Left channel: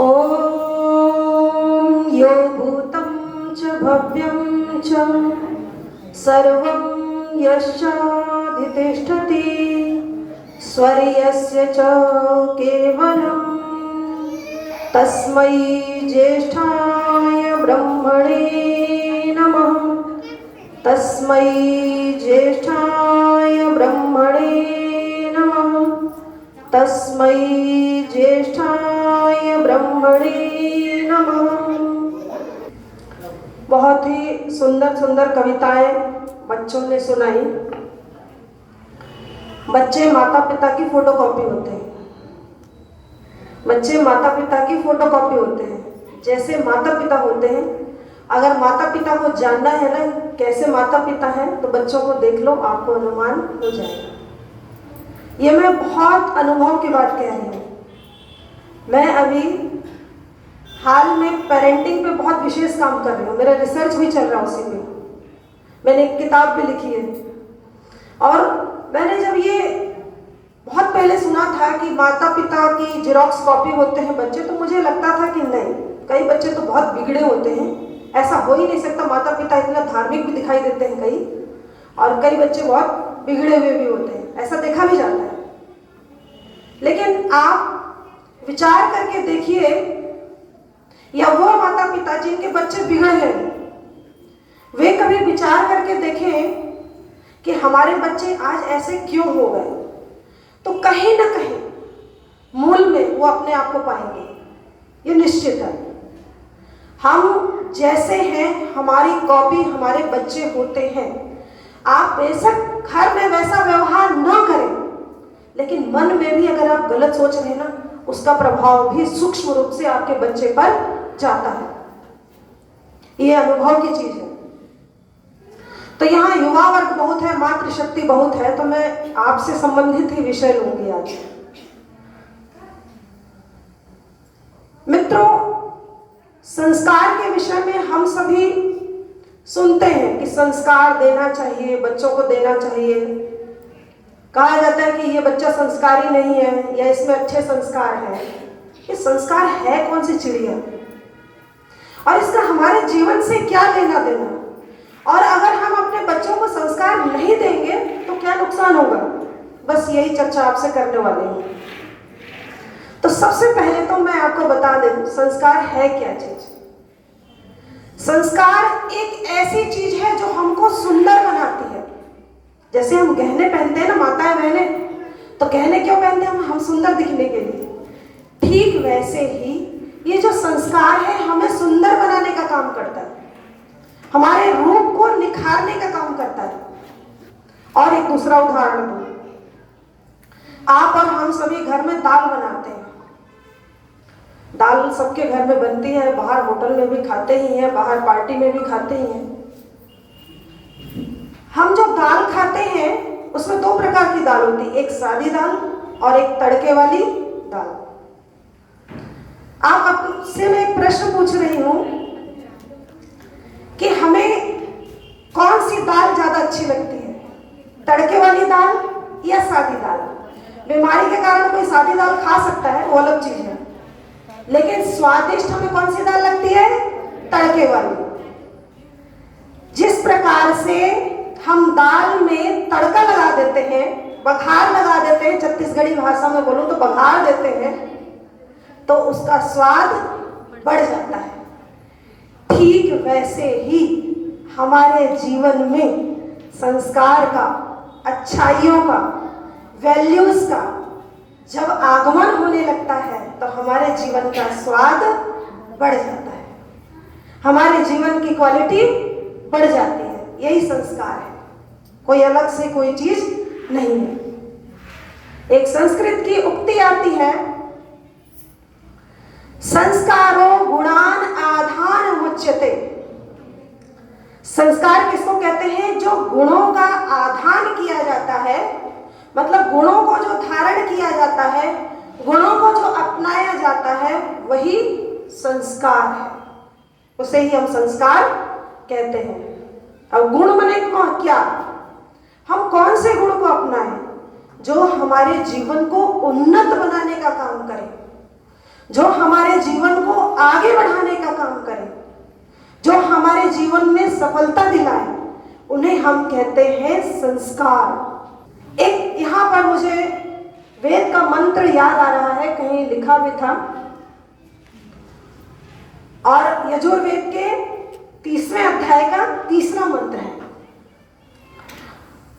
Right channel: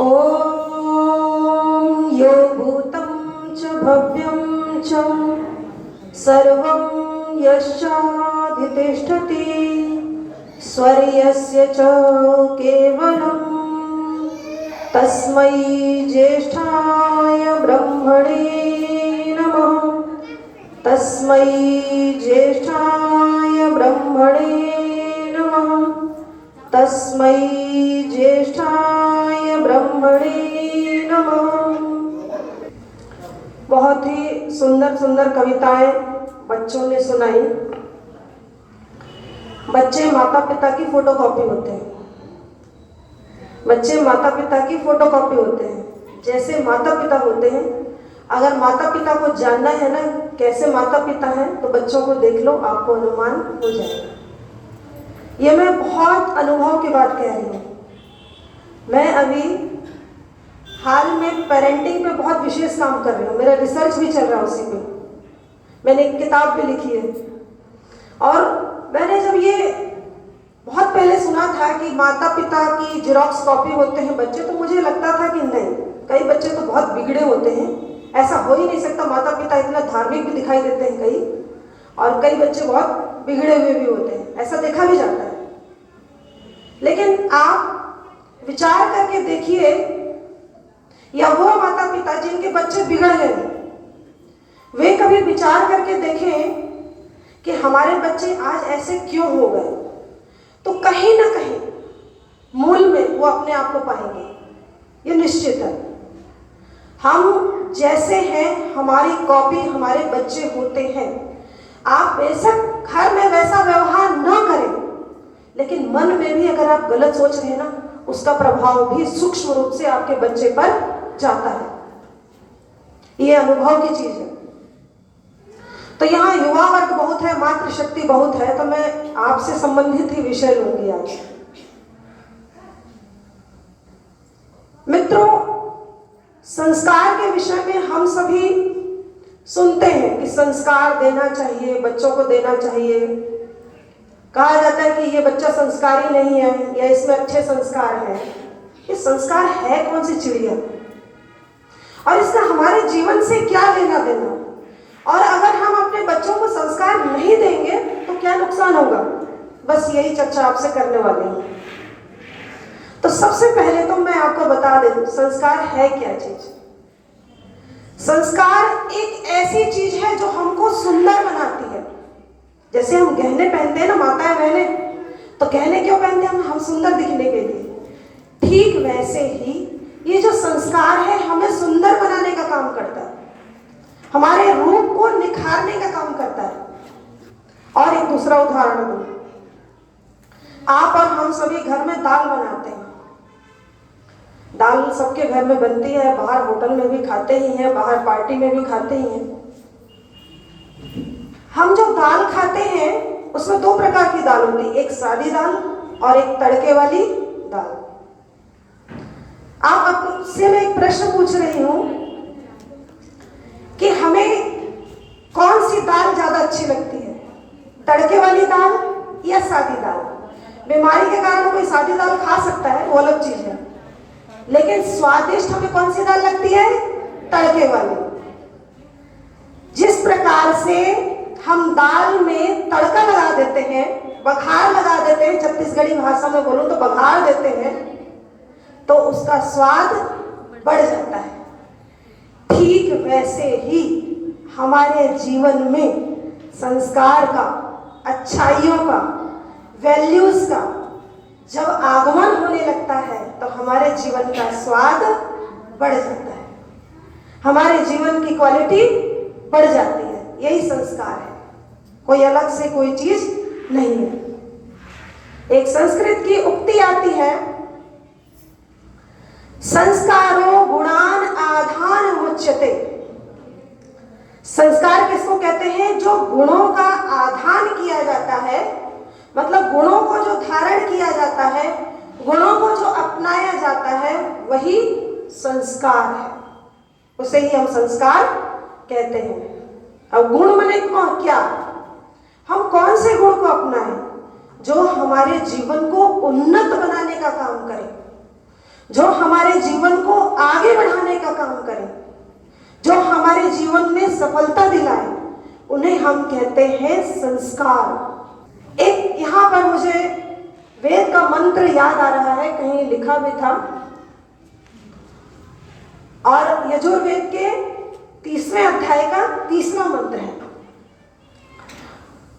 ॐ यो भूतं च भव्यं च सर्वं यश्चाधितिष्ठति स्वर्यस्य च केवलं तस्मै ज्येष्ठाय ब्रह्मणे नमः। तस्मै ज्येष्ठाय ब्रह्मणे नमः। तस्मै ज्येष्ठाय ब्रह्मणे नमः। बहुत ही सुंदर सुंदर कविताएं बच्चों ने सुनाई। बच्चे माता पिता की फोटोकॉपी होते हैं। बच्चे माता पिता की फोटोकॉपी होते हैं। जैसे माता पिता होते हैं, अगर माता पिता को जानना है ना कैसे माता पिता हैं, तो बच्चों को देख लो, आपको अनुमान हो जाएगा। ये मैं बहुत अनुभव की बात कह रही हूँ। मैं अभी हाल में पेरेंटिंग पे बहुत विशेष काम कर रही हूँ। मेरा रिसर्च भी चल रहा है उसी में। मैंने एक किताब भी लिखी है। और मैंने जब ये बहुत पहले सुना था कि माता पिता की जेरॉक्स कॉपी होते हैं बच्चे, तो मुझे लगता था कि नहीं, कई बच्चे तो बहुत बिगड़े होते हैं, ऐसा हो ही नहीं सकता। माता पिता इतना धार्मिक भी दिखाई देते हैं कई, और कई बच्चे बहुत बिगड़े हुए भी होते हैं, ऐसा देखा भी जाता है। लेकिन आप विचार करके देखिए, या वो माता पिता जिनके बच्चे बिगड़ गए, वे कभी विचार करके देखें कि हमारे बच्चे आज ऐसे क्यों हो गए, तो कहीं ना कहीं मूल में वो अपने आप को पाएंगे, ये निश्चित है। हम जैसे हैं, हमारी कॉपी हमारे बच्चे होते हैं। आप बेशक घर में वैसा व्यवहार न करें, लेकिन मन में भी अगर आप गलत सोच रहे हैं ना, उसका प्रभाव भी सूक्ष्म रूप से आपके बच्चे पर जाता है। ये अनुभव की चीज है। तो यहाँ युवा वर्ग बहुत है, मातृशक्ति बहुत है, तो मैं आपसे संबंधित ही विषय लूंगी आज। मित्रों, संस्कार के विषय में हम सभी सुनते हैं कि संस्कार देना चाहिए, बच्चों को देना चाहिए। कहा जाता है कि ये बच्चा संस्कारी नहीं है, या इसमें अच्छे संस्कार हैं। ये संस्कार है कौन सी चिड़िया, और इसका हमारे जीवन से क्या लेना देना? और अगर हम अपने बच्चों को संस्कार नहीं देंगे तो क्या नुकसान होगा? बस यही चर्चा आपसे करने वाली हूँ। तो सबसे पहले तो मैं आपको बता दूं, संस्कार है क्या चीज। संस्कार एक ऐसी चीज है जो हमको सुंदर बनाती है। जैसे हम गहने पहनते हैं ना, माताएं बहनें, तो गहने क्यों पहनते हैं? हम सुंदर दिखने के लिए। ठीक वैसे ही ये जो संस्कार है हमें सुंदर बनाने का काम करता है, हमारे रूप को निखारने का काम करता है। और एक दूसरा उदाहरण दूं, आप और हम सभी घर में दाल बनाते हैं। दाल सबके घर में बनती है, बाहर होटल में भी खाते ही हैं, बाहर पार्टी में भी खाते ही हैं। हम जो दाल खाते हैं उसमें दो प्रकार की दाल होती है, एक सादी दाल और एक तड़के वाली दाल। आप आपसे मैं एक प्रश्न पूछ रही हूं कि हमें कौन सी दाल ज्यादा अच्छी लगती है, तड़के वाली दाल या सादी दाल? बीमारी के कारण कोई सादी दाल खा सकता है, वो अलग चीज है, लेकिन स्वादिष्ट हमें कौन सी दाल लगती है? तड़के वाली। जिस प्रकार से हम दाल में तड़का लगा देते हैं, बघार लगा देते हैं, छत्तीसगढ़ी भाषा में बोलूं तो बघार देते हैं, तो उसका स्वाद बढ़ जाता है। ठीक वैसे ही हमारे जीवन में संस्कार का, अच्छाइयों का, वैल्यूज का जब आगमन होने लगता है तो हमारे जीवन का स्वाद बढ़ जाता है, हमारे जीवन की क्वालिटी बढ़ जाती है। यही संस्कार है, कोई अलग से कोई चीज नहीं है। एक संस्कृत की उक्ति आती है, संस्कारो गुणान आधान मुच्यते। संस्कार किसको कहते हैं? जो गुणों का आधान किया जाता है, मतलब गुणों को जो धारण किया जाता है, गुणों को जो अपनाया जाता है, वही संस्कार है। उसे ही हम संस्कार कहते हैं। अब गुण माने क्या? हम कौन से गुण को अपनाएं जो हमारे जीवन को उन्नत बनाने का काम करे, जो हमारे जीवन को आगे बढ़ाने का काम करें, जो हमारे जीवन में सफलता दिलाए, उन्हें हम कहते हैं संस्कार। एक यहाँ पर मुझे वेद का मंत्र याद आ रहा है, कहीं लिखा भी था, और यजुर्वेद के 3वें अध्याय का 3रा मंत्र है,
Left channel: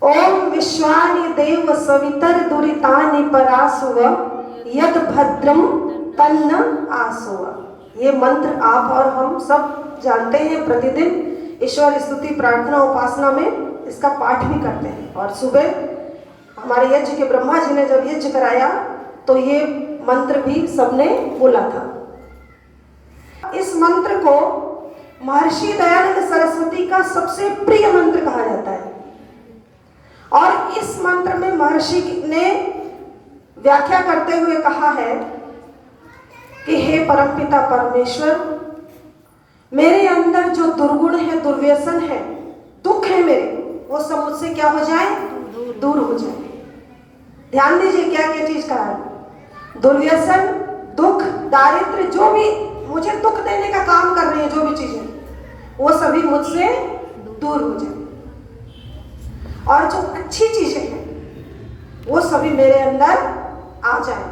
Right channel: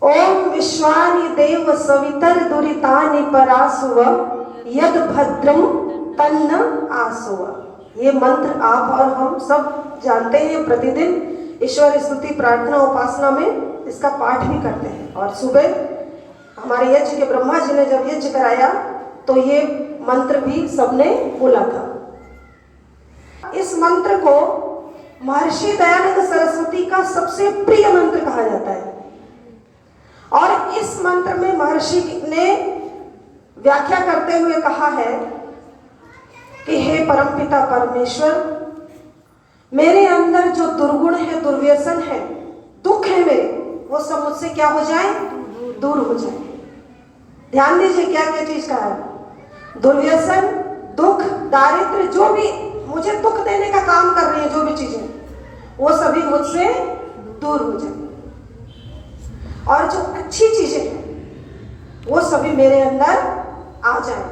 ओम विश्वानि देव सवितर दुरितानि परासुव यद भद्रम तन्न आसुव। ये मंत्र आप और हम सब जानते हैं, प्रतिदिन ईश्वर स्तुति प्रार्थना उपासना में इसका पाठ भी करते हैं। और सुबह हमारे यज्ञ के ब्रह्मा जी ने जब यज्ञ कराया तो ये मंत्र भी सबने बोला था। इस मंत्र को महर्षि दयानंद सरस्वती का सबसे प्रिय मंत्र कहा जाता है। और इस मंत्र में महर्षि ने व्याख्या करते हुए कहा है कि हे परमपिता परमेश्वर, मेरे अंदर जो दुर्गुण है, दुर्व्यसन है, दुख है मेरे, वो सब मुझसे क्या हो जाए? दूर हो जाए। ध्यान दीजिए क्या क्या चीज कहा है। दुर्व्यसन, दुख, दारिद्र्य, जो भी मुझे दुख देने का काम कर रही है, जो भी चीजें, वो सभी मुझसे दूर हो जाए। और जो अच्छी चीजें हैं वो सभी मेरे अंदर आ जाए,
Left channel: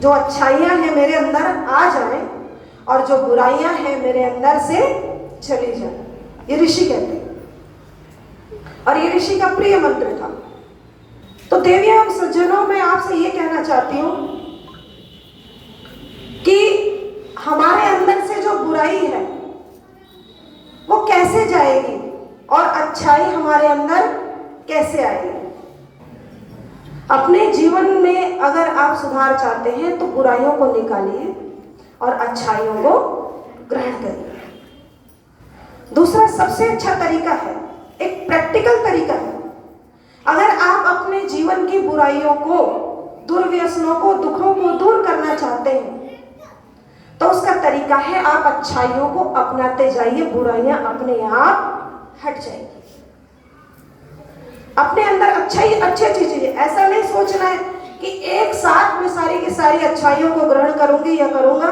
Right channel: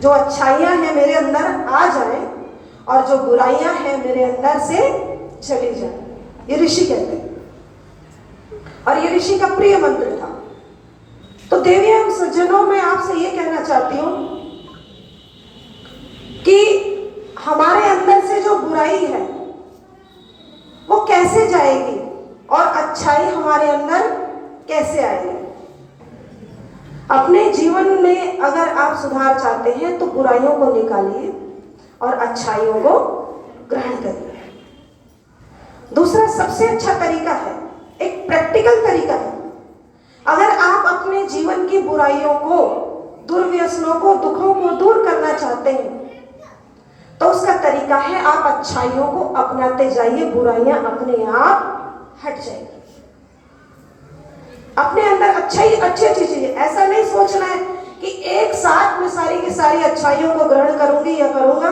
जो अच्छाइयां हैं मेरे अंदर आ जाए, और जो बुराइयां हैं मेरे अंदर से चली जाए। ये ऋषि कहते हैं, और ये ऋषि का प्रिय मंत्र था। तो देवी एवं सज्जनों, मैं आपसे ये कहना चाहती हूं कि हमारे अंदर से जो बुराई है वो कैसे जाएगी और अच्छाई हमारे अंदर कैसे आएगी। अपने जीवन में अगर आप सुधार चाहते हैं तो बुराइयों को निकालिए और अच्छाइयों को ग्रहण करिए। दूसरा सबसे अच्छा तरीका है, एक प्रैक्टिकल तरीका है। अगर आप अपने जीवन की बुराइयों को, दुर्व्यसनों को, दुखों को दूर करना चाहते हैं तो उसका तरीका है आप अच्छाइयों को अपनाते जाइए, बुराइयां अपने आप हट जाएगी। अपने अंदर अच्छाई अच्छी चीजें, ऐसा नहीं सोचना है कि एक साथ में सारी की सारी अच्छाइयों को ग्रहण करूंगी या करूंगा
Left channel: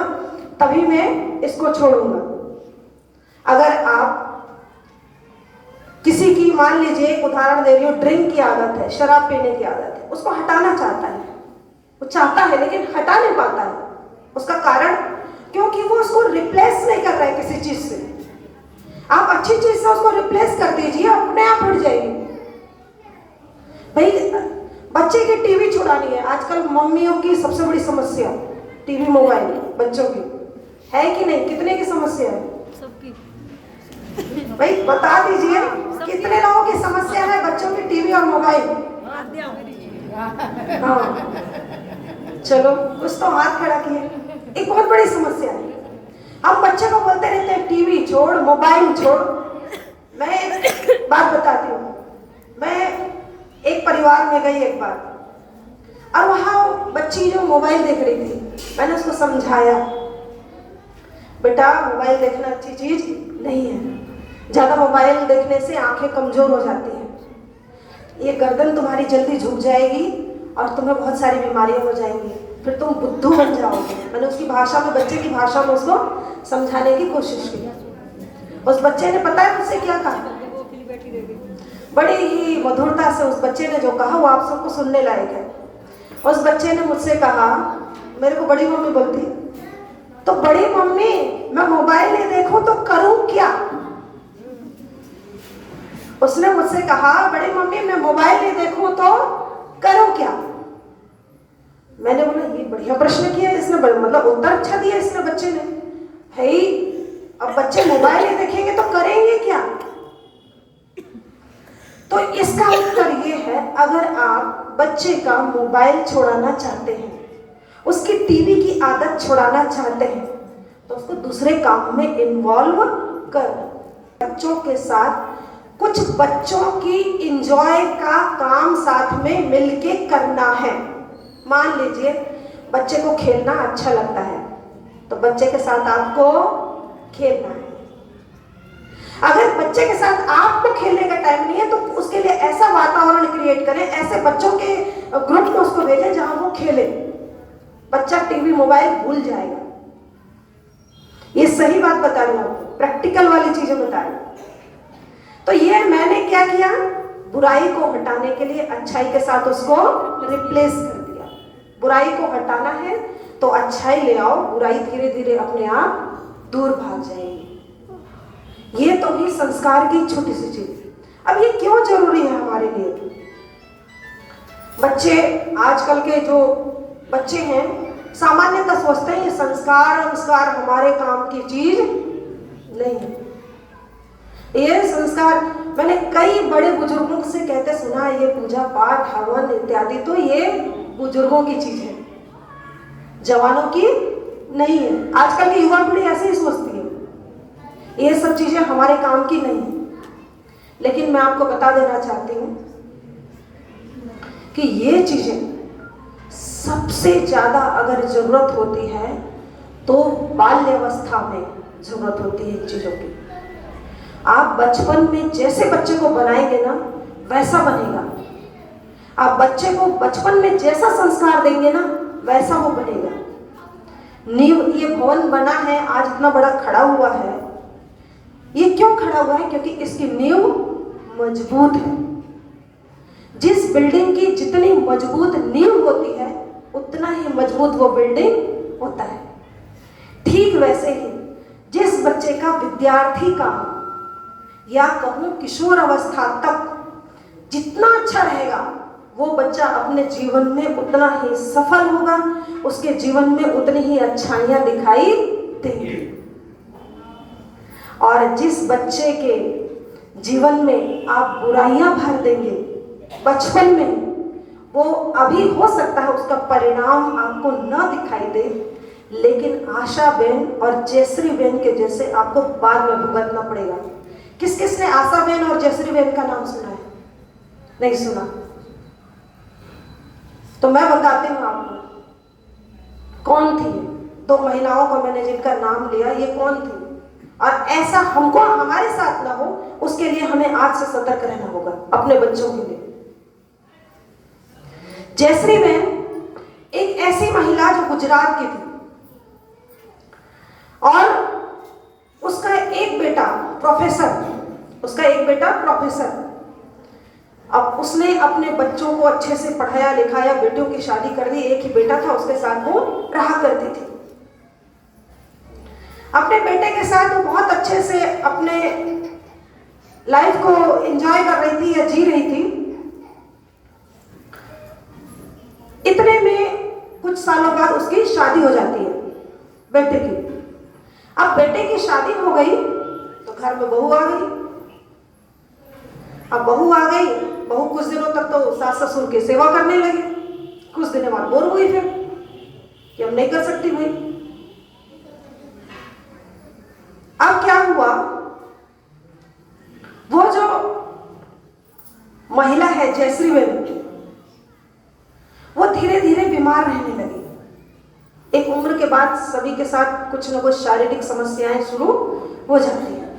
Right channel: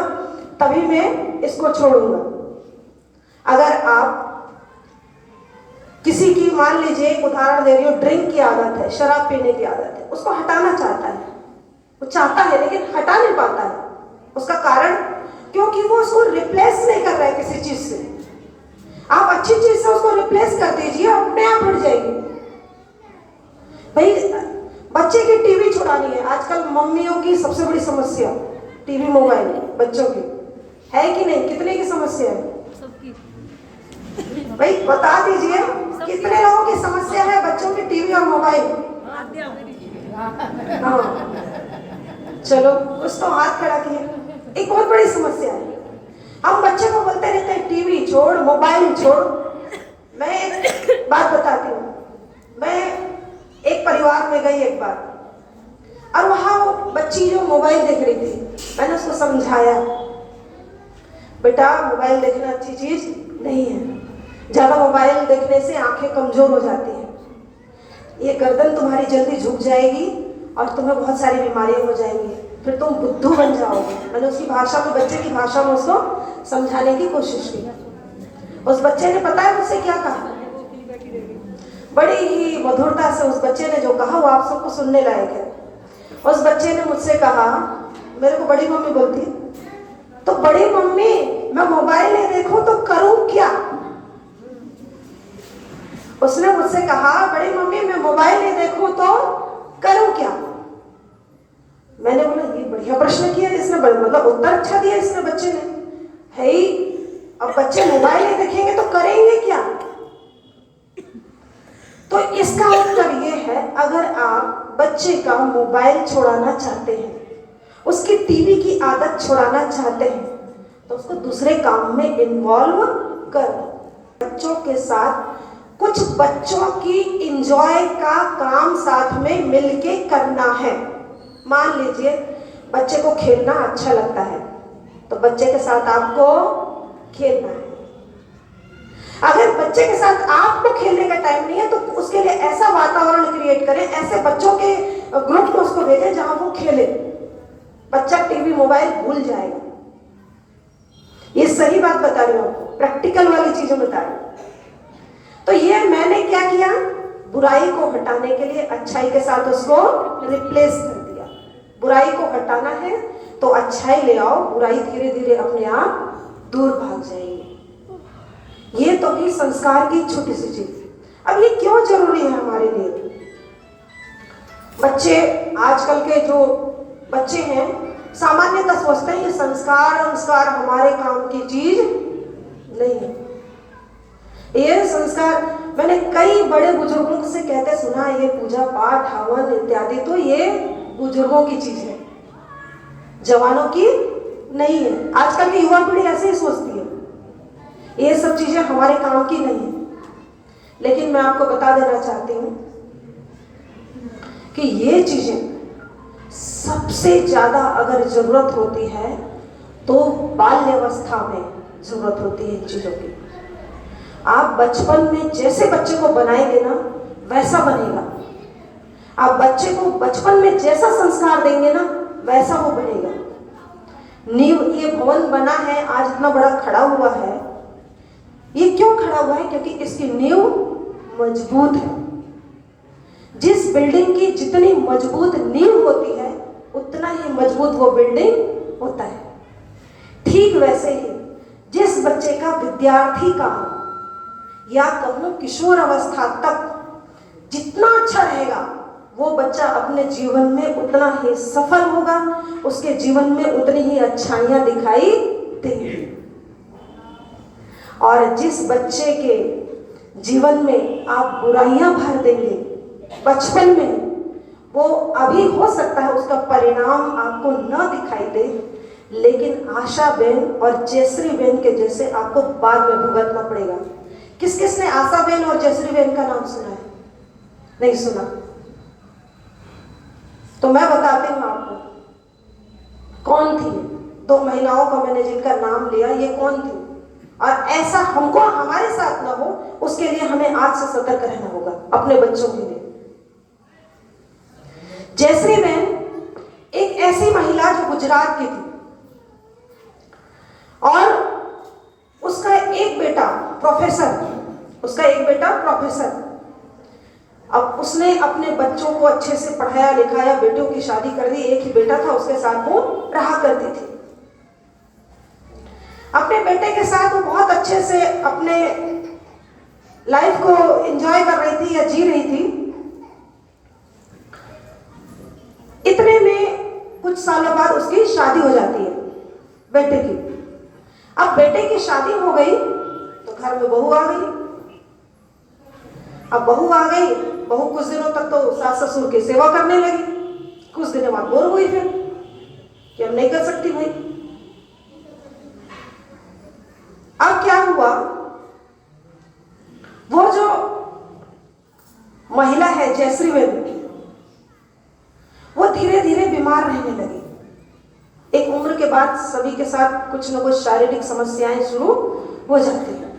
तभी मैं इसको छोड़ूंगा। अगर आप किसी की, मान लीजिए एक उदाहरण दे रही हूँ, ड्रिंक की आदत है, शराब पीने की आदत है, उसको हटाना चाहता है, वो चाहता है लेकिन हटा नहीं पाता है। उसका कारण क्योंकि वो उसको रिप्लेस नहीं कर रहा है किसी चीज से। आप अच्छी चीज से उसको रिप्लेस कर दीजिए, अपने आप हट जाएगी। भाई बच्चे की टीवी छुड़ानी है, आजकल मम्मियों की सबसे बड़ी समस्या टीवी मोबाइल बच्चों की है कि नहीं? कितने की समस्या है भाई बता दीजिए, कितने लोगों की समस्या है बच्चों की टीवी और मोबाइल? हाँ, चलो कुछ तो हाथ खड़ा किए। एक बहुत बड़ी समस्या है। हम बच्चे को बोलते रहते हैं टीवी छोड़, मोबाइल छोड़। मैं एक बात बताती हूँ, मैं एक परिवार में गई एक बार, और वहां बच्ची जो मोबाइल देख रही थी, मैंने उसको समझाया, बेटा मोबाइल देखना अच्छी चीज नहीं है, ज्यादा मोबाइल देखने से आंखें कमजोर हो जाती हैं, ये गर्दन तुम्हारी जल्दी झुक जाएगी और तुम्हें बहुत सारी बीमारियां हो जाएंगी, फिर तुम बुद्धू बन जाओगे। मैंने उसकी भाषा में, बच्चे की भाषा में उसको समझाने की कोशिश की। उस बच्चे ने पता है मुझसे क्या कहा? बड़ी ही मधुरता से उस बच्चे ने जो कहा वो आप सबको सुनने लायक है। उस बच्चे ने मुझसे कहा, मेरे को बड़ी मम्मी बोलती, तो बड़ी मम्मी मैं मोबाइल नहीं देखूं तो करूं क्या? उसने मुझसे कहा, बड़ी मम्मी मैं मोबाइल नहीं देखूं तो करूं क्या? मैंने बोला ये बढ़िया प्रश्न किया इसने, मतलब उत्तर अच्छा दिया इसने बच्चे ने। है अब बच्चे मोबाइल नहीं देखेंगे तो करेंगे क्या? तो इसका उत्तर ये है, अगर आप बच्चे का मोबाइल छुड़ाना चाहते हैं, उसकी टीवी की आदत छुड़ाना चाहते हैं, तो उसको दूसरे काम में इन्वॉल्व करो। बच्चों के साथ कुछ बच्चों की इंजॉय का काम साथ में मिलके करना है। मान लीजिए बच्चे को खेलना अच्छा लगता है तो बच्चे के साथ आपको खेलना है। अगर बच्चे के साथ आपको खेलने का टाइम नहीं है तो उसके लिए ऐसा वातावरण क्रिएट करें, ऐसे बच्चों के ग्रुप में उसको भेजें जहां वो खेले। बच्चा टीवी मोबाइल भूल जाएगा। ये सही बात बता रही हूँ आपको, प्रैक्टिकल वाली चीजें बता रही हूँ। तो ये मैंने क्या किया, बुराई को हटाने के लिए अच्छाई के साथ उसको रिप्लेस कर दिया। बुराई को हटाना है तो अच्छाई ले आओ, बुराई धीरे धीरे अपने आप दूर भाग जाएगी। ये तो ही संस्कार की छोटी सी चीज। अब ये क्यों जरूरी है हमारे लिए? बच्चे, आजकल के जो बच्चे हैं, सामान्यतः सोचते हैं ये संस्कार हमारे काम की चीज नहीं है। ये संस्कार, मैंने कई बड़े बुजुर्गों से कहते सुना है, ये पूजा पाठ हवन इत्यादि तो ये बुजुर्गों की चीज है, जवानों की नहीं है। आजकल की युवा पीढ़ी ऐसे ही सोचती है, ये सब चीजें हमारे काम की नहीं है। लेकिन मैं आपको बता देना चाहती हूँ कि ये चीजें सबसे ज्यादा अगर जरूरत होती है तो बाल्यावस्था में जरूरत होती है इन चीजों की। आप बचपन में जैसे बच्चे को बनाएंगे ना वैसा बनेगा। आप बच्चे को बचपन में जैसा संस्कार देंगे ना वैसा वो बनेगा। नींव, ये भवन बना है, आज इतना बड़ा खड़ा हुआ है, ये क्यों खड़ा हुआ है? क्योंकि इसकी नींव मजबूत है। जिस बिल्डिंग की जितनी मजबूत नींव होती है उतना ही मजबूत वो बिल्डिंग होता है। ठीक वैसे ही जिस बच्चे का, विद्यार्थी का या कहूं किशोर अवस्था तक जितना अच्छा रहेगा वो बच्चा अपने जीवन में उतना ही सफल होगा, उसके जीवन में उतनी ही अच्छाइयां दिखाई देंगी। और जिस बच्चे के जीवन में आप बुराइयां भर देंगे बचपन में, वो अभी हो सकता है उसका परिणाम आपको न दिखाई दे, लेकिन आशा बेन और जयश्री बेन के जैसे आपको बाद में भुगतना पड़ेगा। किस किस ने आशा बेन और जयश्री बेन का नाम सुना है? नहीं सुना? तो मैं बताती हूँ आपको कौन थी। दो महिलाओं को मैंने जिनका नाम लिया, ये कौन थी, और ऐसा हमको हमारे साथ ना हो उसके लिए हमें आज से सतर्क रहना होगा अपने बच्चों के लिए। जयश्री बेन एक ऐसी महिला जो गुजरात की थी और उसका एक बेटा प्रोफेसर। अब उसने अपने बच्चों को अच्छे से पढ़ाया लिखाया, बेटों की शादी कर दी, एक ही बेटा था, उसके साथ वो रहा करती थी। अपने बेटे के साथ वो बहुत अच्छे से अपने लाइफ को एंजॉय कर रही थी या जी रही थी। इतने में कुछ सालों बाद उसकी शादी हो जाती है बेटे की। अब बेटे की शादी हो गई तो घर में बहू आ गई। अब बहू आ गई, बहू कुछ दिनों तक तो सास ससुर की सेवा करने लगी। कुछ दिनों बाद बोर हुई फिर कि अब नहीं कर सकती भाई। अब क्या हुआ, वो जो महिला है जयश्री बेन, वो धीरे धीरे बीमार रहने लगी। एक उम्र के बाद सभी के साथ कुछ न कुछ शारीरिक समस्याएं शुरू हो जाती है।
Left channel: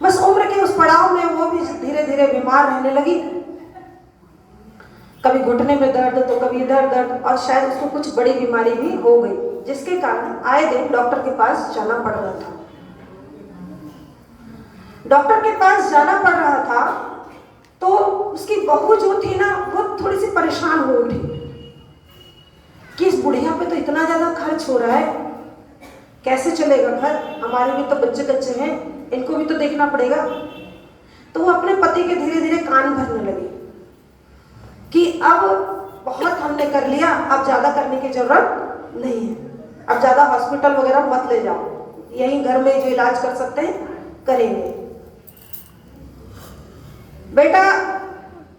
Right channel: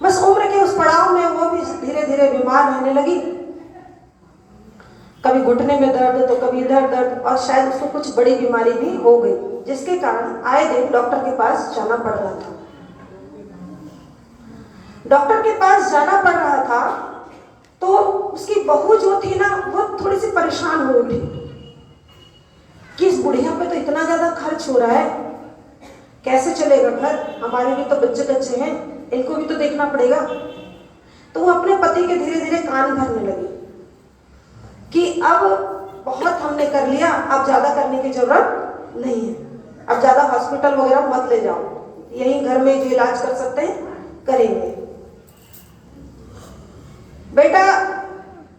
बस उम्र के उस पड़ाव में वो भी धीरे धीरे बीमार रहने लगी। कभी घुटने में दर्द तो कभी इधर दर्द, और शायद उसको कुछ बड़ी बीमारी भी हो गई, जिसके कारण आए दिन डॉक्टर के पास जाना पड़ रहा था। डॉक्टर के पास जाना पड़ रहा था तो उसकी बहू जो थी ना, वो थोड़ी सी परेशान हो उठी कि इस बुढ़िया पे तो इतना ज्यादा खर्च हो रहा है, कैसे चलेगा घर, हमारे भी तो बच्चे कच्चे हैं, इनको भी तो देखना पड़ेगा। तो वो अपने पति के धीरे धीरे कान भरने लगी कि अब बहुत हमने कर लिया, अब ज्यादा करने की जरूरत नहीं है, अब ज्यादा हॉस्पिटल वगैरह मत ले जाओ, यहीं घर में जो इलाज कर सकते हैं करेंगे। बेटा,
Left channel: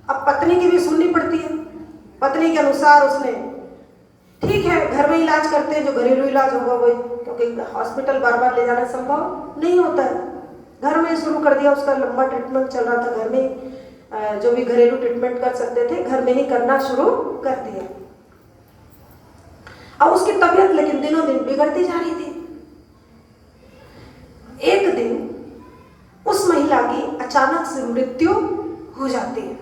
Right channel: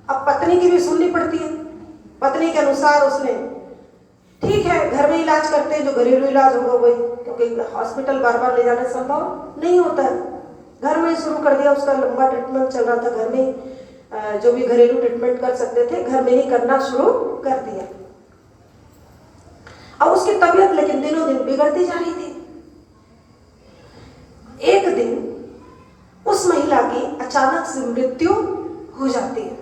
अब पत्नी की भी सुननी पड़ती है। पत्नी के अनुसार उसने ठीक है घर में इलाज करते हैं, जो घरेलू इलाज होगा वही, क्योंकि हॉस्पिटल बार बार ले जाना संभव नहीं होता है। घर में ही शुरू कर दिया, उसका लंबा ट्रीटमेंट चल रहा था, घर में जो भी घरेलू ट्रीटमेंट कर सकते थे घर में ही करना शुरू कर दिया। अब उसकी तबीयत लेकिन दिनों दिन बिगड़ती जा रही थी। एक दिन उस महिला की अचानक से मृत्यु हो जाती है।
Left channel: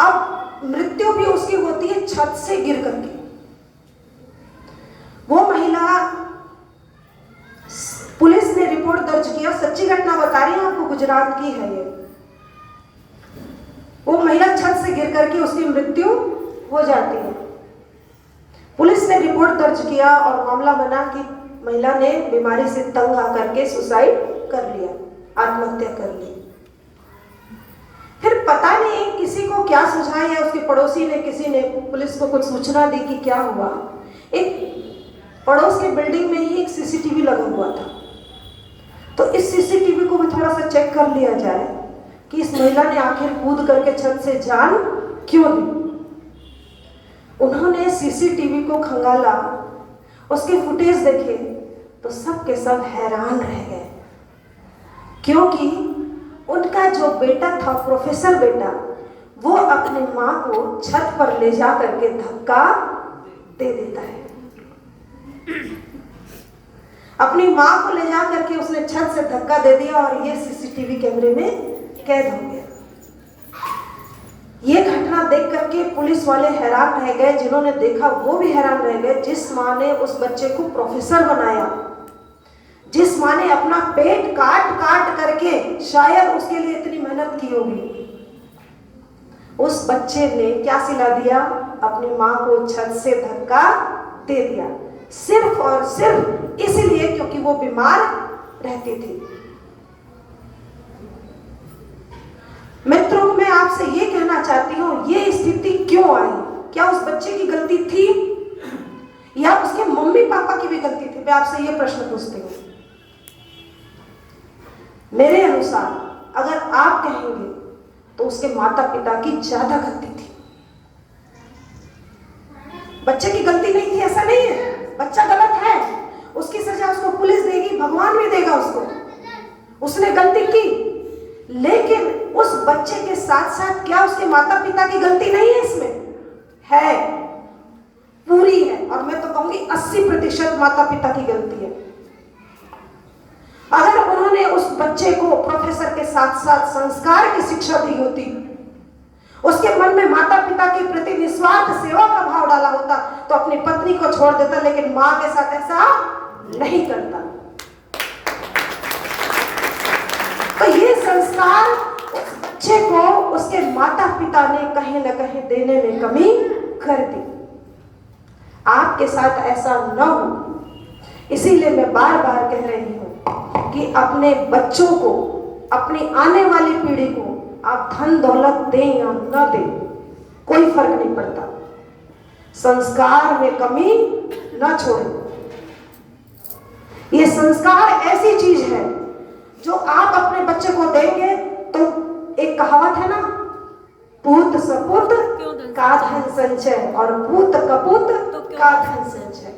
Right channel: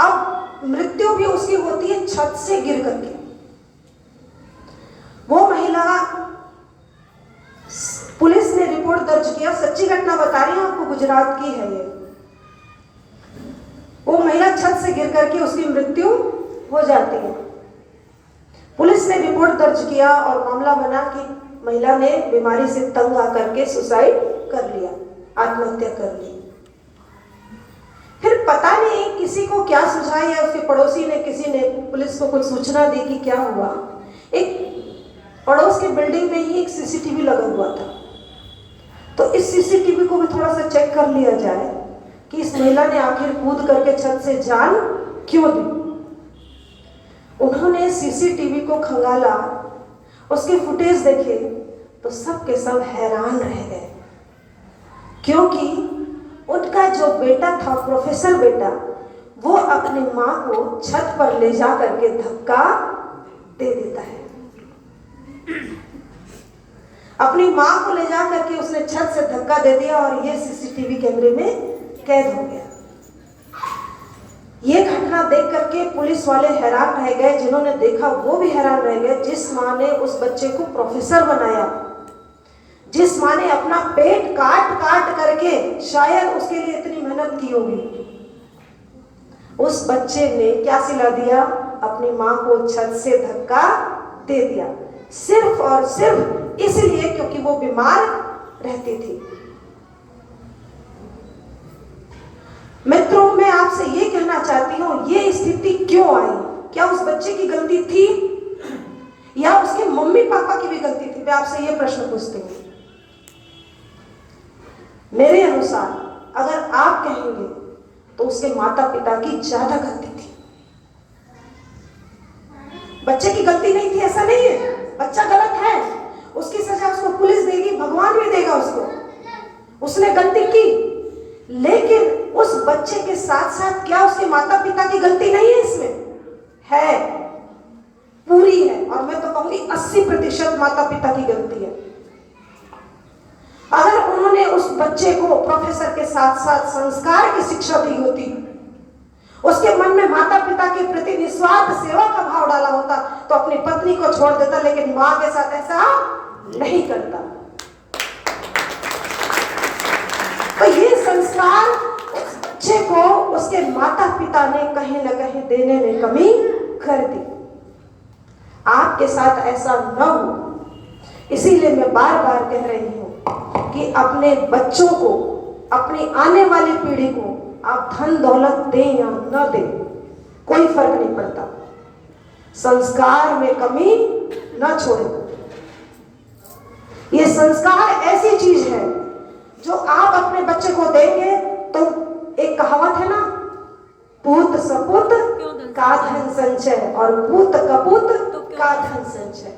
अब मृत्यु भी उसकी होती है छत से गिर करके। वो महिला, पुलिस ने रिपोर्ट दर्ज किया, सच्ची घटना बता रही हूं आपको, गुजरात की है ये। वो महिला छत से गिर करके उसकी मृत्यु हो जाती है। पुलिस ने रिपोर्ट दर्ज किया और मामला बना कि महिला ने बीमारी से तंग आकर के सुसाइड कर लिया, आत्महत्या कर ली। फिर पता नहीं किसी को क्या सुझाया, या उसके पड़ोसी ने, किसी ने पुलिस को कुछ सूचना दी कि क्या हुआ। एक पड़ोस के बिल्डिंग में ही एक सीसीटीवी लगा हुआ था, तो इस सीसीटीवी को भी थोड़ा सा चेक कर लिया जाए कि इस महिला ने आखिर कूद करके छत से जान क्यों दी। उन्होंने सीसीटीवी को खंगाला, उसके फुटेज देखे तो सब के सब हैरान रह गए, क्योंकि उनका जो बेटा था, प्रोफेसर बेटा, वो अपनी माँ को छत पर ले जा करके धक्का दे देता है। अपनी माँ को ले जा करके उसने छत से धक्का दे दिया और ये सीसीटीवी कैमरे में कैद हो गया। ये घटना देख करके पुलिस वाले हैरान रह गए, जिन्होंने देखा वो भी हैरान रह गए। जिस माँ ने उस बच्चे को प्रोफेसर बनाया, जिस माँ ने अपना पेट काट काट करके शायद उसके लिए इतनी मेहनत की होगी, उस बच्चे ने क्या सिला दिया? अपनी माँ को छत से धक्का दे दिया, सिर्फ और सिर्फ इसलिए क्योंकि वो बीमार रहती थी। मित्रों, मैं आपसे ये कहना चाहती हूँ, ये स्थिति क्यों आई? क्या उस बच्चे की गलती थी या उसके मम्मी पापा की भी गलती थी? मैं आपसे ये प्रश्न पूछती हूँ। मेरे अनुसार अगर आप कहेंगे तो उसके माता पिता की ज्यादा गलती थी। बच्चे की गलती नहीं थी ऐसा नहीं है, बच्चा गलत है, उसकी सजा उसको पुलिस देगी, भगवान भी देगा उसको, उसने गलती की। लेकिन उस बच्चे के साथ साथ क्या उसके माता पिता की गलती नहीं है? इसमें है, पूरी है, और मैं तो कहूंगी 80% माता पिता की गलती है। अगर उन्होंने उस बच्चे को प्रोफेसर के साथ साथ संस्कार की शिक्षा दी होती, उसके मन में माता पिता के प्रति निस्वार्थ सेवा का भाव डाला होता, तो अपनी पत्नी को छोड़ देता, लेकिन मां के साथ ऐसा नहीं करता। तो ये संस्कार उस बच्चे को उसके माता पिता ने कहीं न कहीं देने में कमी कर दी। आपके साथ ऐसा न हो, इसीलिए मैं बार बार कह रही हूं कि अपने बच्चों को, अपनी आने वाली पीढ़ी को आप धन दौलत दें या न दें, कोई फर्क नहीं पड़ता, संस्कार में कमी न छोड़ें। ये संस्कार ऐसी चीज है जो आप अपने बच्चे को देंगे तो एक कहावत है ना, पूत सपूत का धन संचय और पूत कपूत का धन संचय।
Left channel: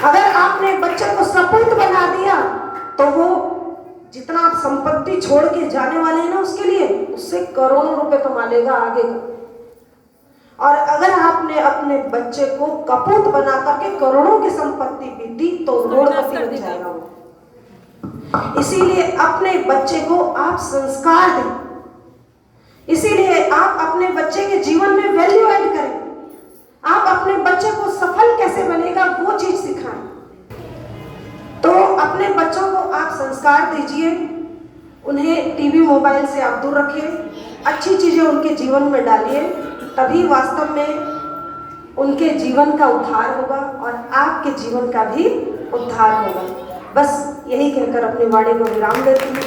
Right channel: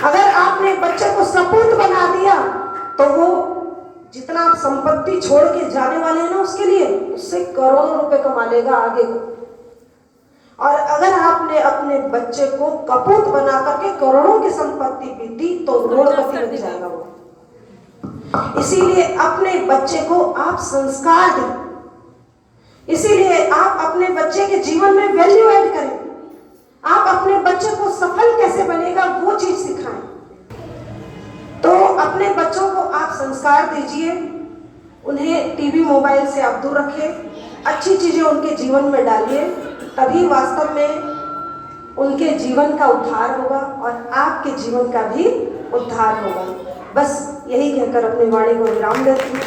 अगर आपने बच्चे को सपूत बना दिया तो वो जितना आप संपत्ति छोड़ के जाने वाले हैं ना उसके लिए, उससे करोड़ों रुपए कमा लेगा आगे को। और अगर आपने अपने बच्चे को कपूत बना करके करोड़ों की संपत्ति भी दी तो करोड़पति बन जाएगा वो। इसीलिए अपने बच्चे को आप संस्कार दें, इसीलिए आप अपने बच्चे के जीवन में वैल्यू ऐड करें। आप अपने बच्चे को सफल कैसे बनेगा वो चीज सिखाएं। तो अपने बच्चों को आप संस्कार दीजिए, उन्हें टीवी मोबाइल से आप दूर रखिए, अच्छी चीजें उनके जीवन में डालिए, तभी वास्तव में उनके जीवन का उद्धार होगा और आपके जीवन का भी उद्धार होगा। बस यही कहकर अपनी वाणी को विराम देती हूँ।